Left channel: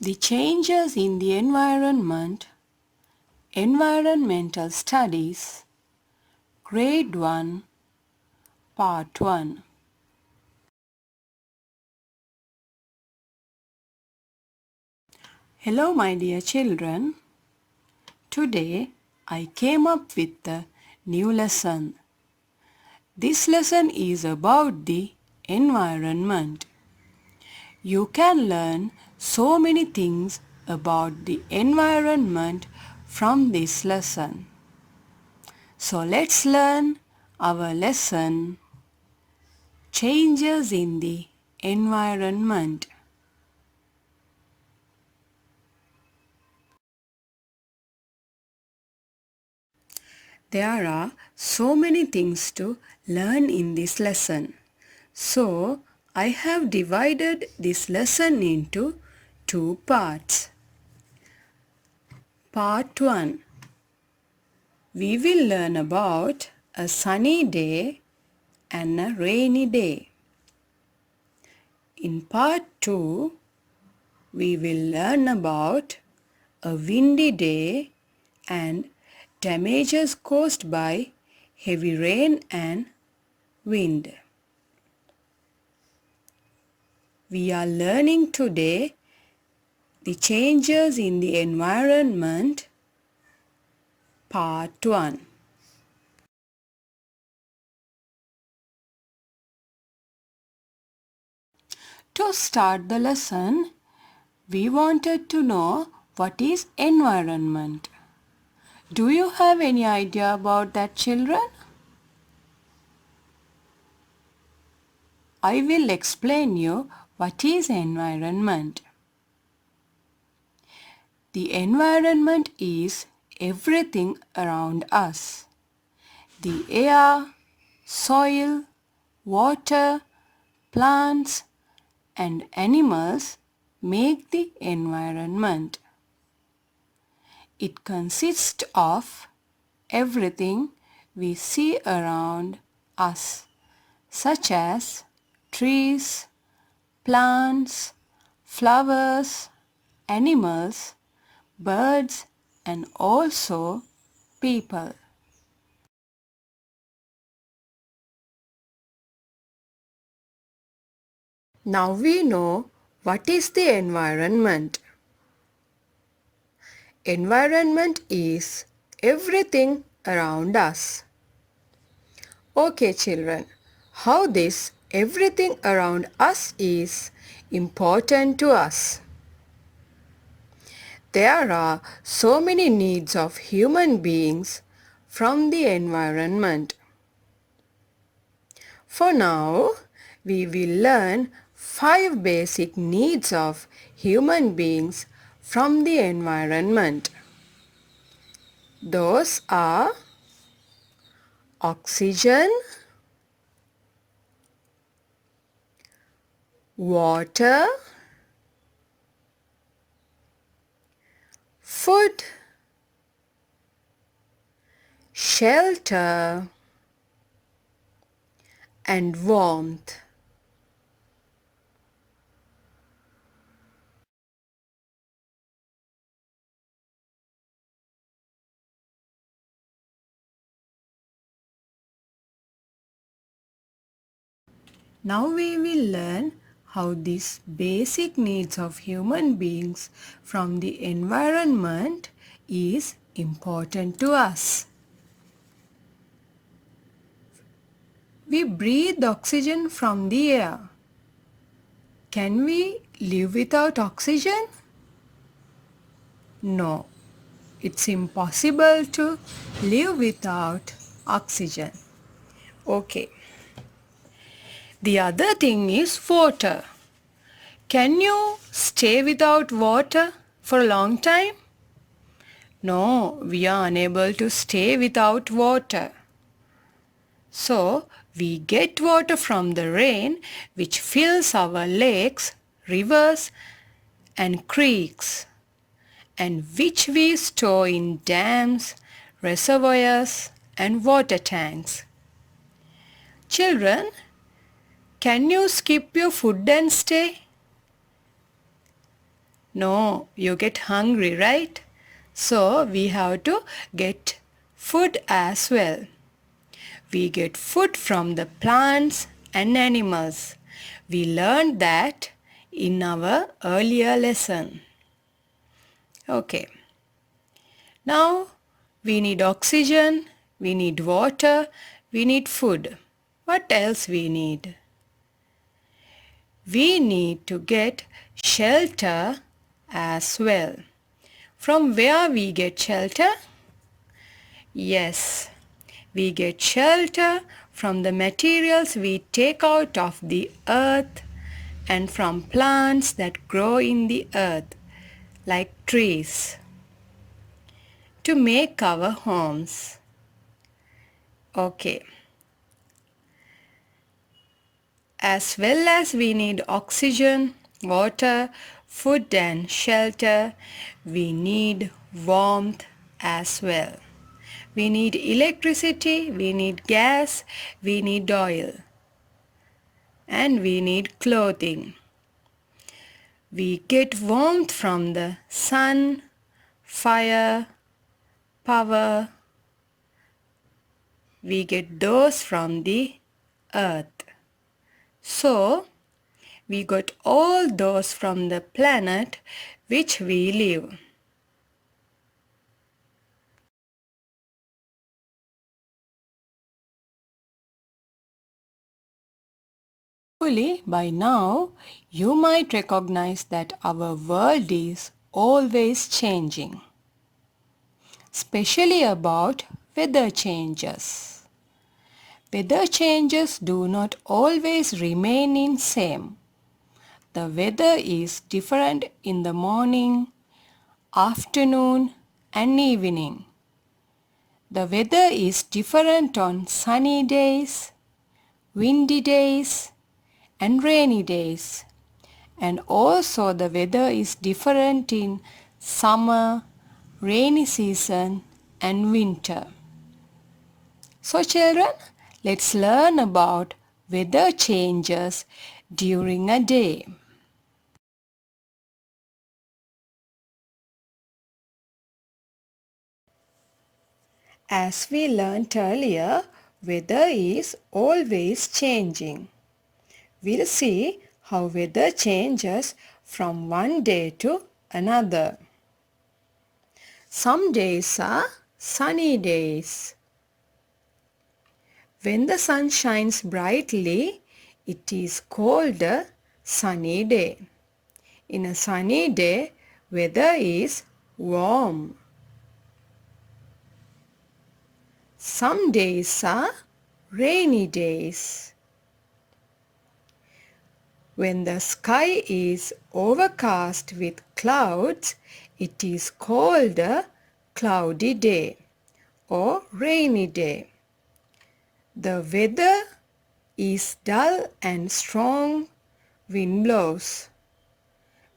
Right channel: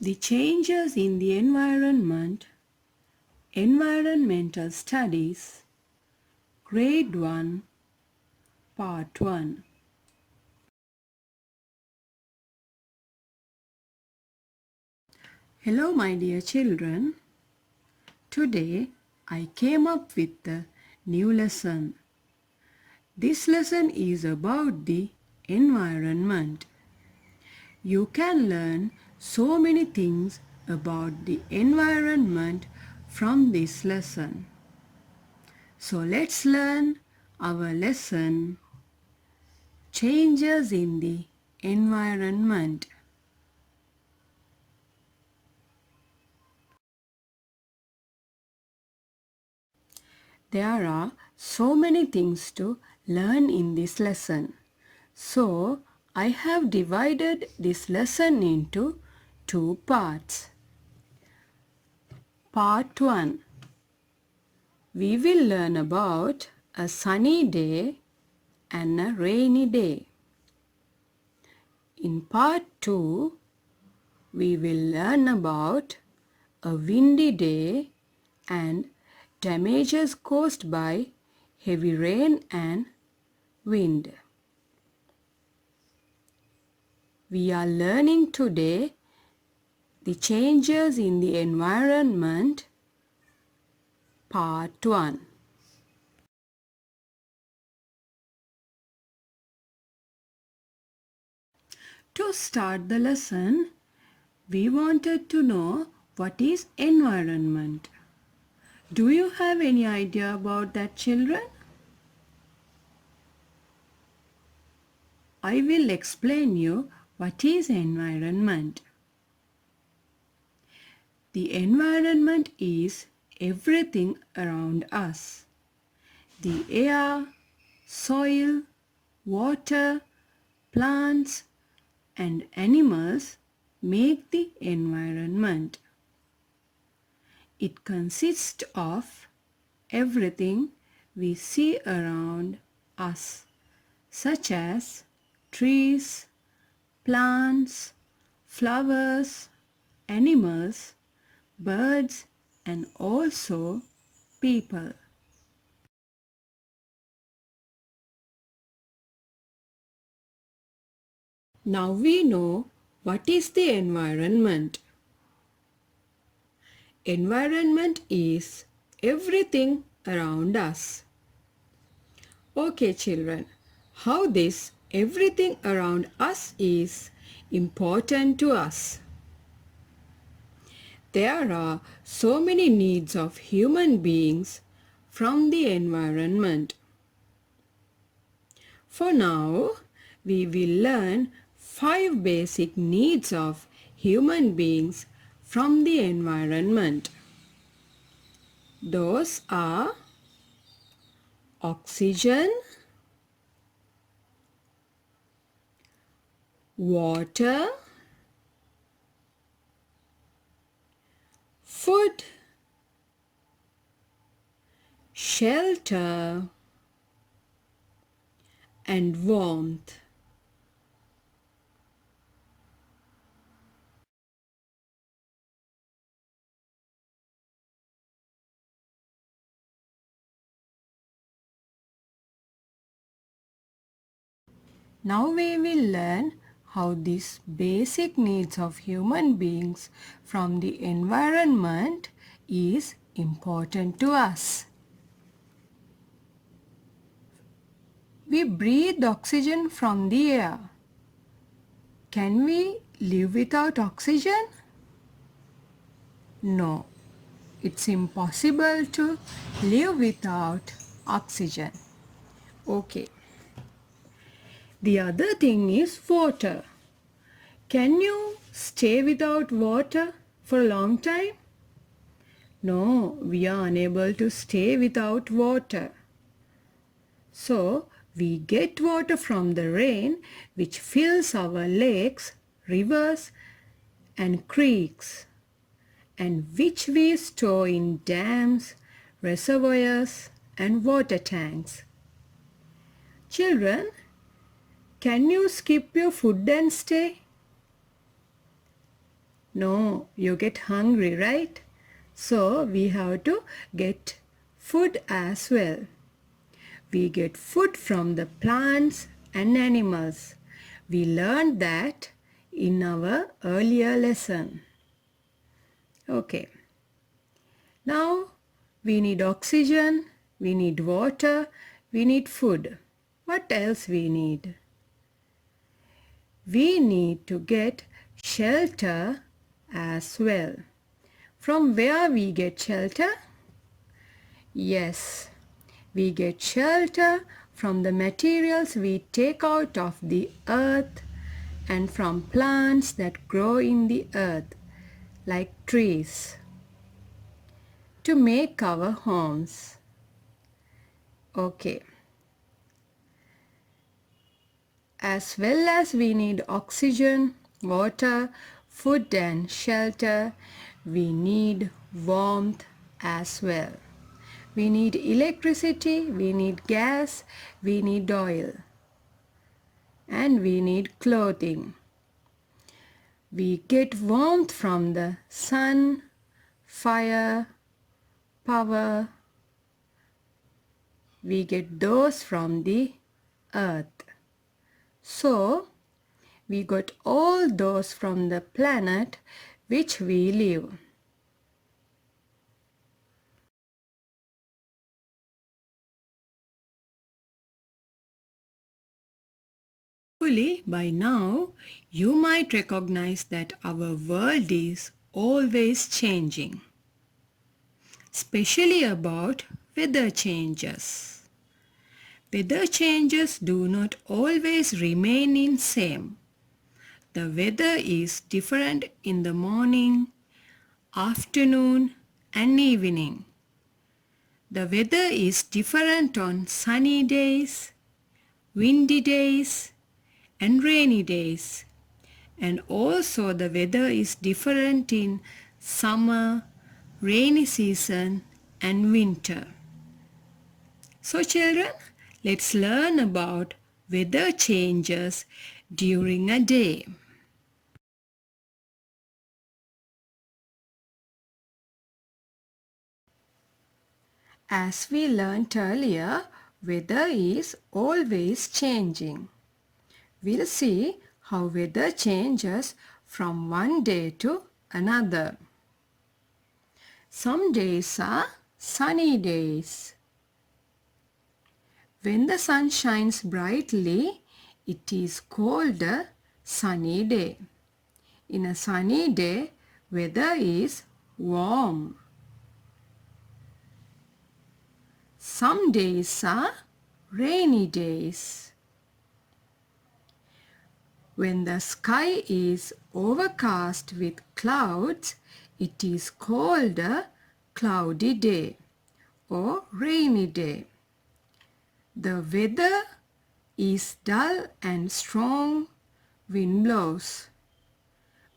The changes in the environment, environmental studies, grade 1, part 1. Hello my dear children. Today I came up with a new lesson. This lesson is about the environment. You can learn so many things about the environment from this lesson. So let's learn our lesson, changes in the environment. There are so many things to learn in this lesson. So I have divided this lesson into two parts. Part 1. We will learn about a sunny day and a rainy day. In part 2, we will learn about a windy day and damages caused by heavy rain and wind. We are learning today the changes in the environment, part 1. To start the lesson, we wanted to know what is environment. Do you have any idea about that, children? I will explain you what is environment. The environment is everything around us. The air, soil, water, plants and animals make the environment. It consists of everything we see around us, such as trees, plants, flowers, animals, birds, and also people. Now we know what is the environment. Environment is everything around us. Okay children, how this everything around us is important to us. There are so many needs of human beings from the environment. For now, we will learn 5 basic needs of human beings from the environment. Those are oxygen, water, food, shelter, and warmth. Now we will learn how these basic needs of human beings from the environment is important to us. We breathe oxygen from the air. Can we live without oxygen? No, it's impossible to live without oxygen. Okay. The other thing is water. Can you stay without water for a long time? No, we are unable to stay without water. So, we get water from the rain which fills our lakes, rivers and creeks, and which we store in dams, reservoirs and water tanks. Children, can you skip your food and stay? No, you get hungry, right? So we have to get food as well. We get food from the plants and animals. We learned that in our earlier lesson. Okay. Now we need oxygen, we need water, we need food. What else we need? We need to get shelter as well. From where we get shelter? Yes, we get shelter from the materials we take out of the earth and from plants that grow in the earth, like trees, to make our homes. Okay. As well as we need oxygen, water, food and shelter, we need warmth as well. We need electricity, we need gas, we need oil, and we need clothing. We get warmth from the sun, fire, power. We get those from the earth. So, we got all those from the planet which we live. Hopefully, by now, you might recognize that our world is always changing, especially about weather changes. Weather changes do not always remain in same. The weather is different in the morning, afternoon and evening. The weather is different on sunny days, windy days and rainy days. And also the weather is different in summer, rainy season and winter. So children, let's learn about weather changes during a day. As we learnt earlier, weather is always changing. We'll see how weather changes from one day to another. Some days are sunny days. When the sun shines brightly, it is called a sunny day. In a sunny day, weather is warm. Some days are rainy days. When the sky is overcast with clouds, it is called a cloudy day or rainy day. The weather is dull and strong wind blows.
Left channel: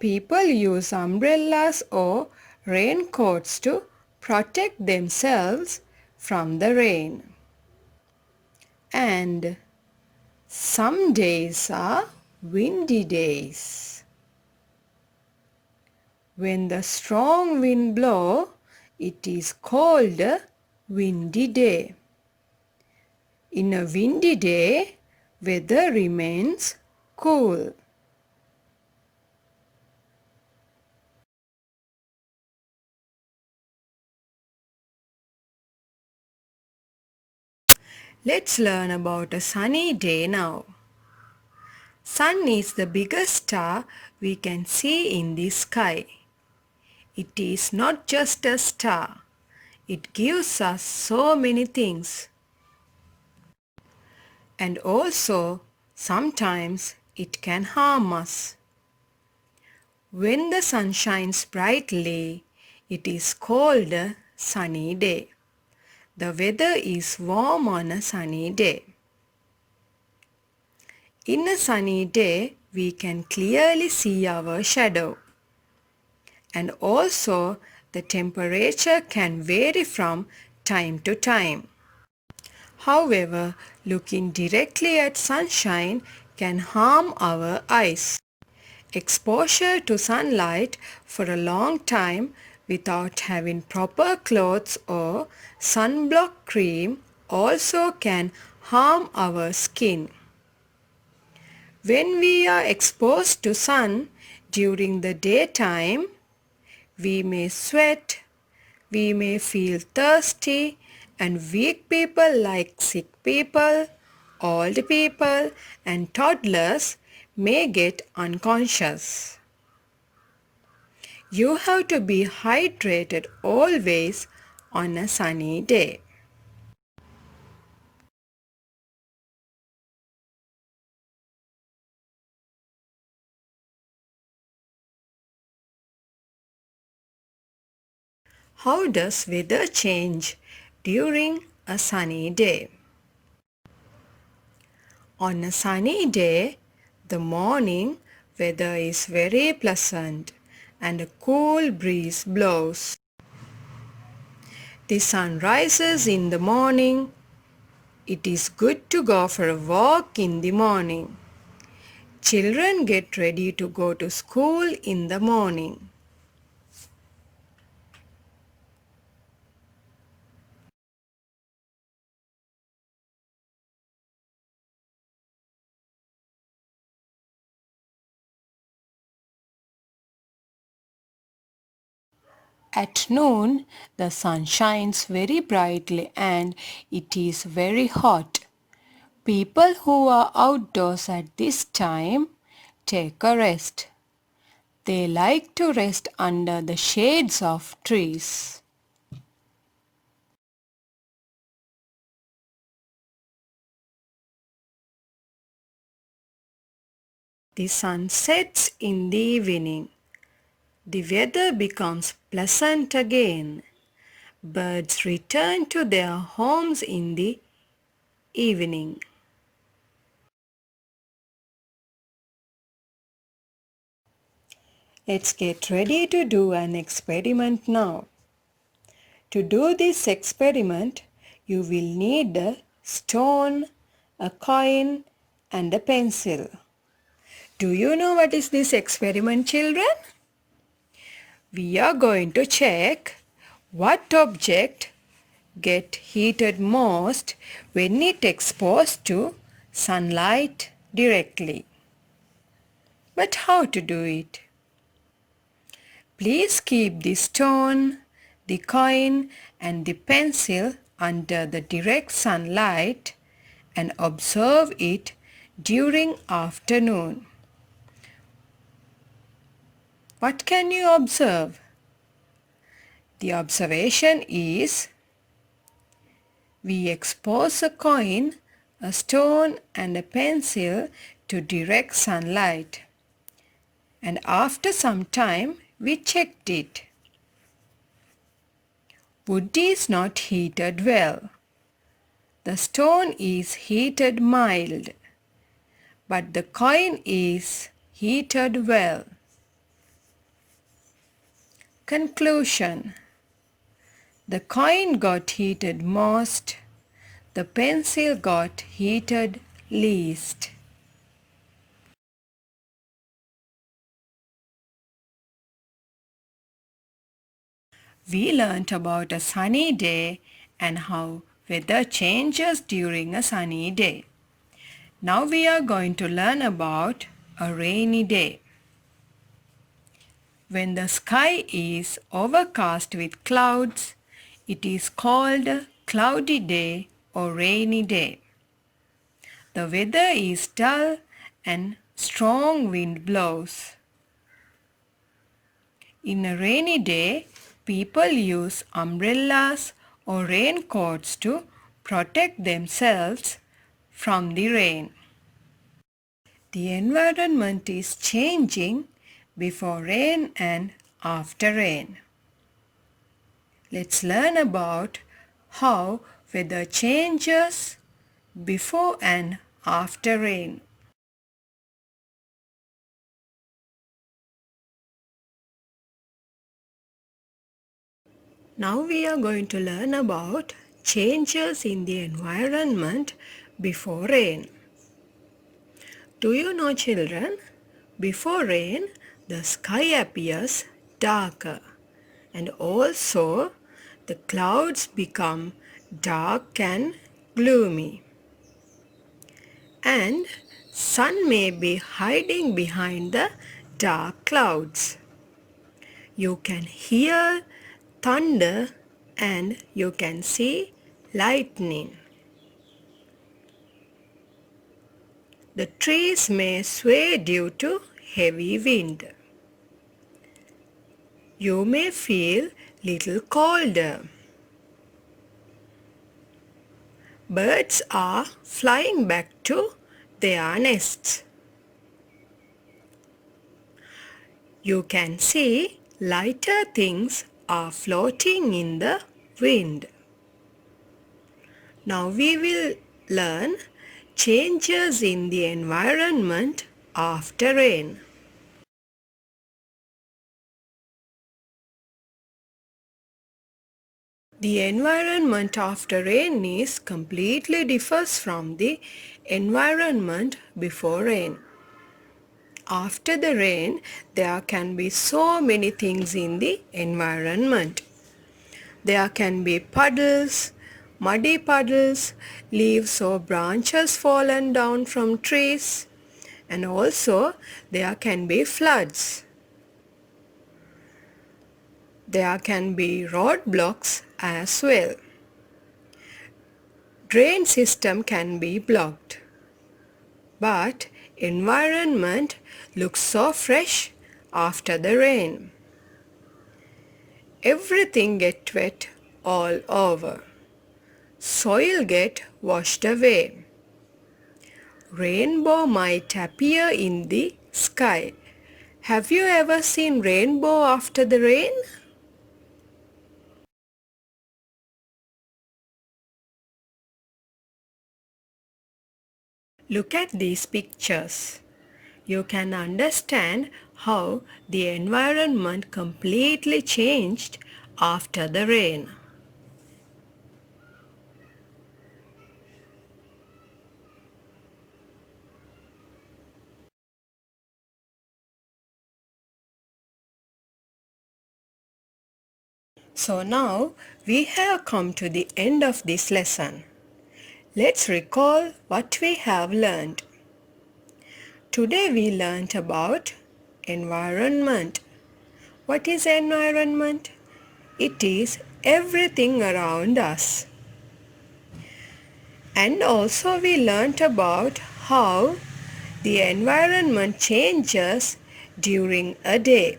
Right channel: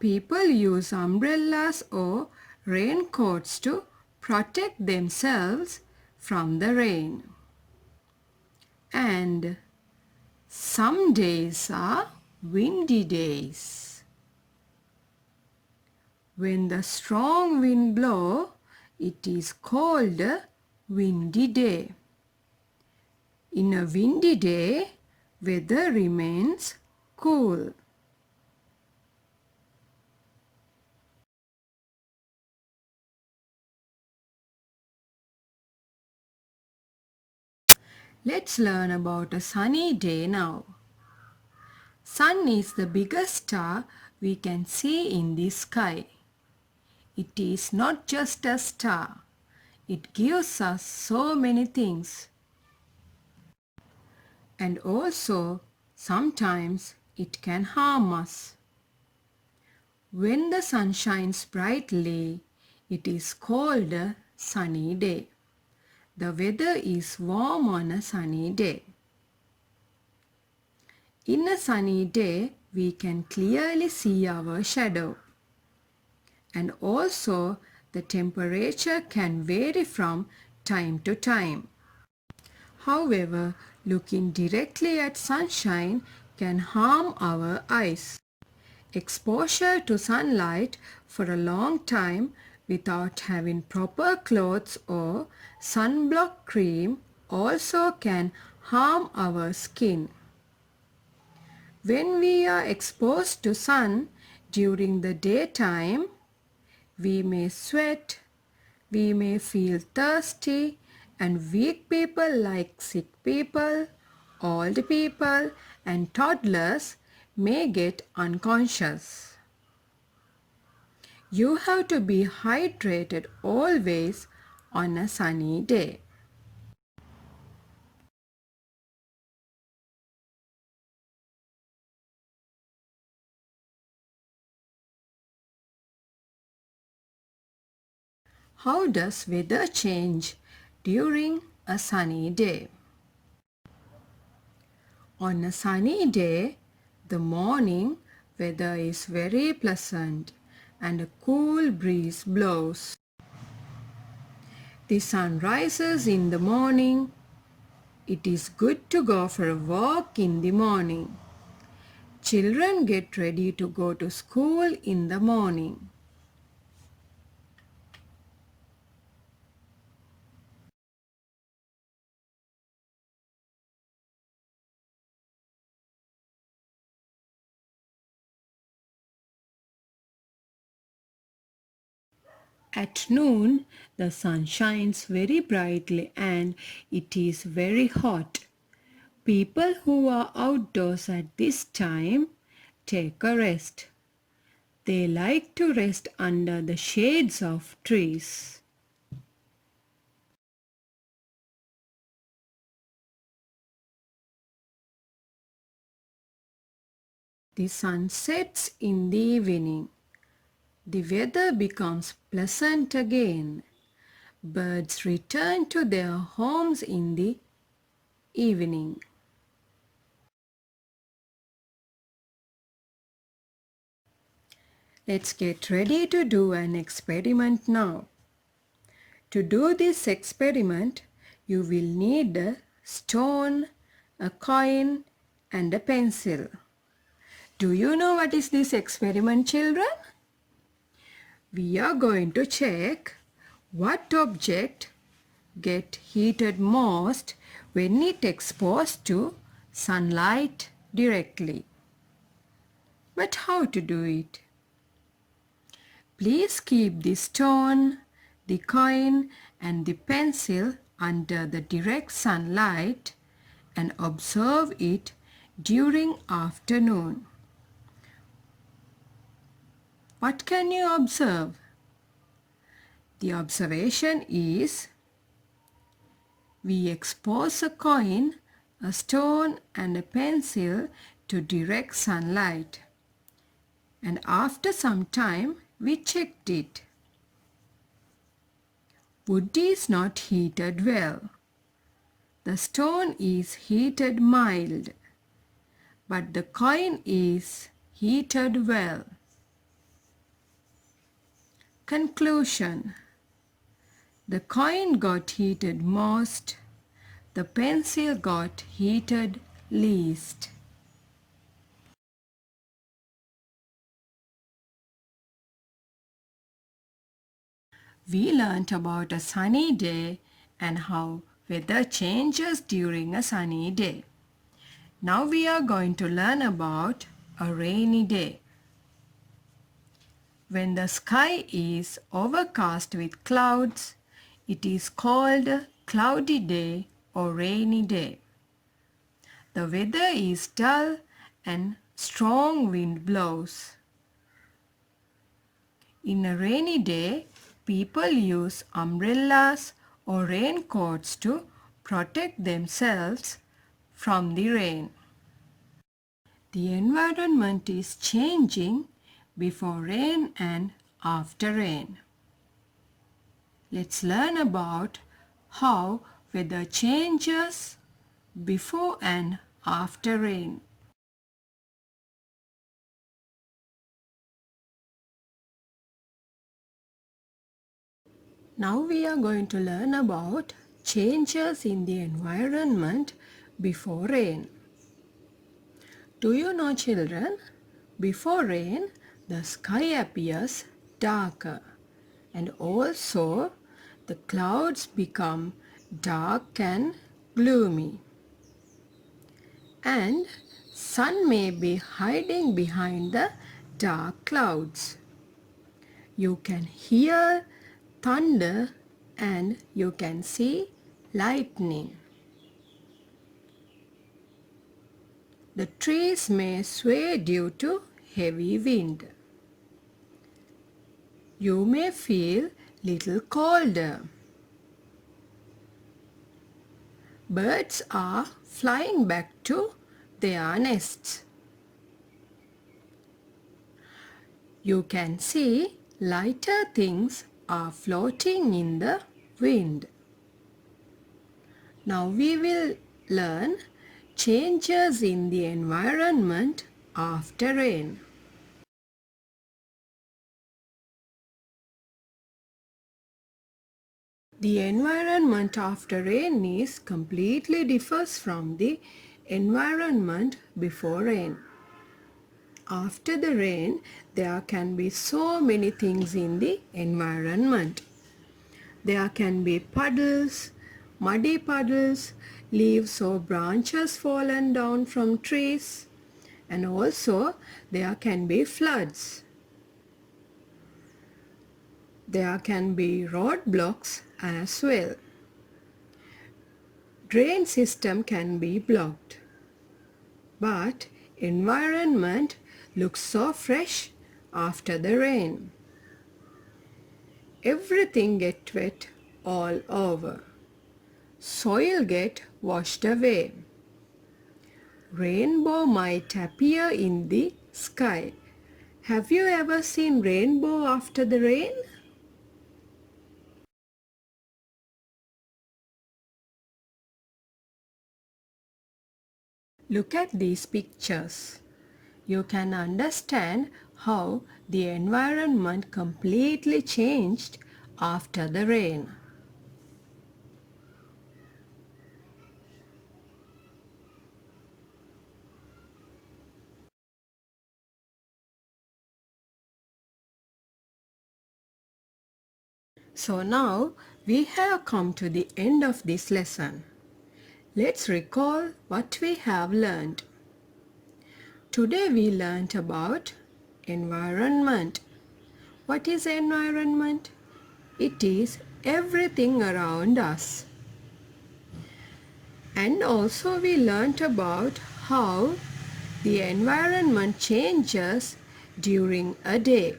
People use umbrellas or raincoats to protect themselves from the rain. And some days are windy days. When the strong wind blows, it is called a windy day. In a windy day, weather remains cool. Let's learn about a sunny day now. Sun is the biggest star we can see in the sky. It is not just a star. It gives us so many things. And also, sometimes it can harm us. When the sun shines brightly, it is called a sunny day. The weather is warm on a sunny day. In a sunny day, we can clearly see our shadow. And also, the temperature can vary from time to time. However, looking directly at sunshine can harm our eyes. Exposure to sunlight for a long time without having proper clothes or sunblock cream also can harm our skin. When we are exposed to sun during the daytime, we may sweat, we may feel thirsty, and weak people like sick people, old people, and toddlers may get unconscious. You have to be hydrated always on a sunny day. How does weather change during a sunny day? On a sunny day, the morning weather is very pleasant and a cool breeze blows. The sun rises in the morning. It is good to go for a walk in the morning. Children get ready to go to school in the morning. At noon, the sun shines very brightly and it is very hot. People who are outdoors at this time take a rest. They like to rest under the shades of trees. The sun sets in the evening. The weather becomes pleasant again. Birds return to their homes in the evening. Let's get ready to do an experiment now. To do this experiment, you will need a stone, a coin, and a pencil. Do you know what is this experiment, children? We are going to check what object get heated most when it exposed to sunlight directly. But how to do it? Please keep the stone, the coin and the pencil under the direct sunlight and observe it during afternoon. What can you observe? The observation is we expose a coin, a stone and a pencil to direct sunlight. And after some time we checked it. Wood is not heated well. The stone is heated mild, but the coin is heated well. Conclusion: the coin got heated most, the pencil got heated least. We learnt about a sunny day and how weather changes during a sunny day. Now we are going to learn about a rainy day. When the sky is overcast with clouds, it is called a cloudy day or rainy day. The weather is dull and strong wind blows. In a rainy day, people use umbrellas or raincoats to protect themselves from the rain. The environment is changing before rain and after rain. Let's learn about how weather changes before and after rain. Now we are going to learn about changes in the environment before rain. Do you know, children, Before rain, the sky appears darker, and also the clouds become dark and gloomy. And sun may be hiding behind the dark clouds. You can hear thunder and you can see lightning. The trees may sway due to heavy wind. You may feel little colder. Birds are flying back to their nests. You can see lighter things are floating in the wind. Now we will learn changes in the environment after rain. The environment after rain is completely differs from the environment before rain. After the rain, there can be so many things in the environment. There can be puddles, muddy puddles, leaves or branches fallen down from trees, and also there can be floods. There can be roadblocks as well. Drain system can be blocked. But environment looks so fresh after the rain. Everything get wet all over. Soil get washed away. Rainbow might appear in the sky. Have you ever seen rainbow after the rain? Look at these pictures. You can understand how the environment completely changed after the rain. So now we have come to the end of this lesson. Let's recall what we have learned. Today we learned about environment. What is environment? It is everything around us. And also we learned about how the environment changes during a day.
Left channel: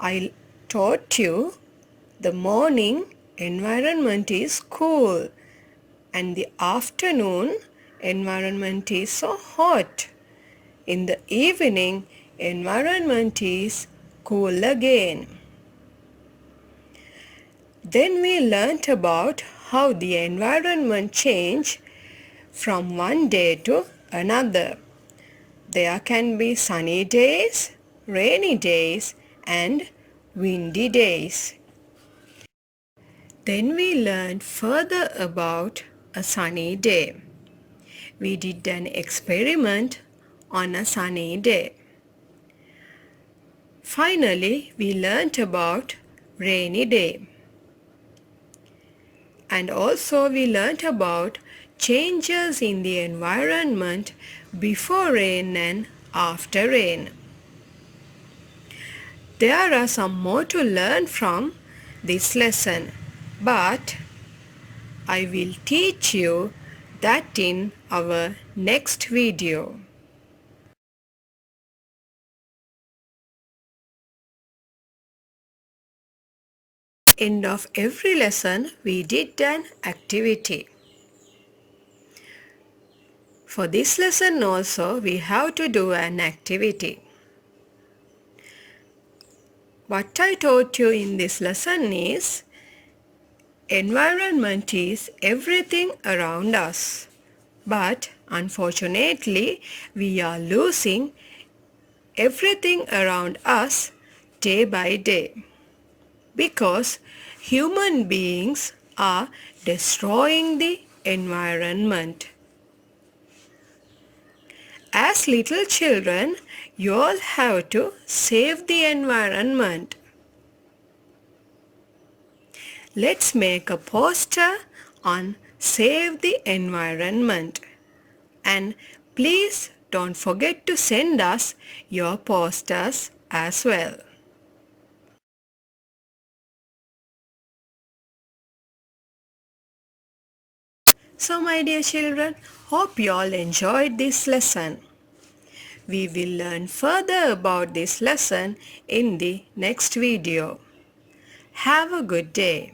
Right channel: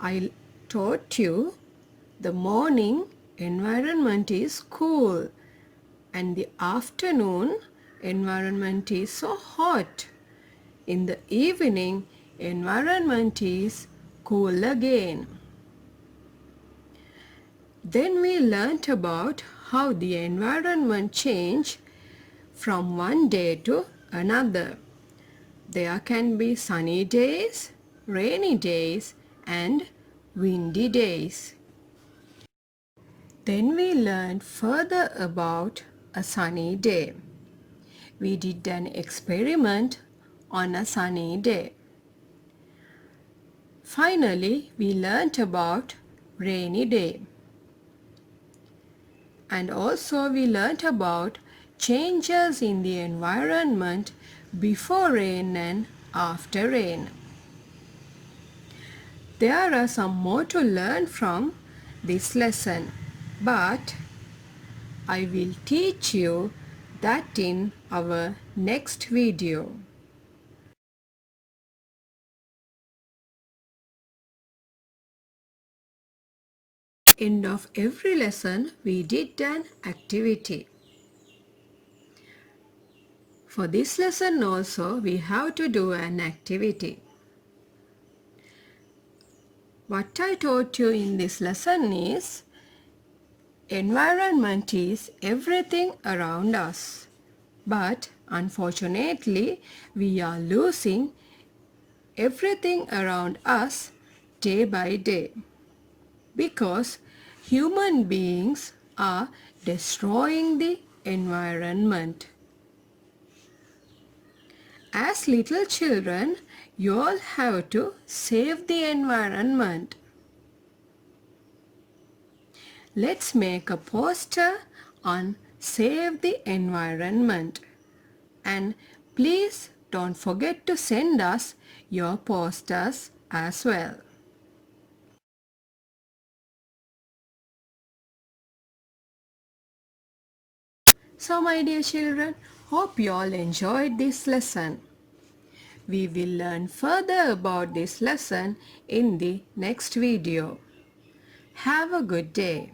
I taught you the morning environment is cool and the afternoon environment is so hot. In the evening environment is cool again. Then we learnt about how the environment change from one day to another. There can be sunny days, rainy days and windy days. Then we learned further about a sunny day. We did an experiment on a sunny day. Finally, we learnt about rainy day. And also we learnt about changes in the environment before rain and after rain. There are some more to learn from this lesson, but I will teach you that in our next video. End of every lesson we did an activity. For this lesson also we have to do an activity. What I taught you in this lesson is environment is everything around us. But unfortunately we are losing everything around us day by day because human beings are destroying the environment. As little children, You all have to save the environment. Let's make a poster on Save the Environment. And please don't forget to send us your posters as well. So my dear children, hope you all enjoyed this lesson. We will learn further about this lesson in the next video. Have a good day.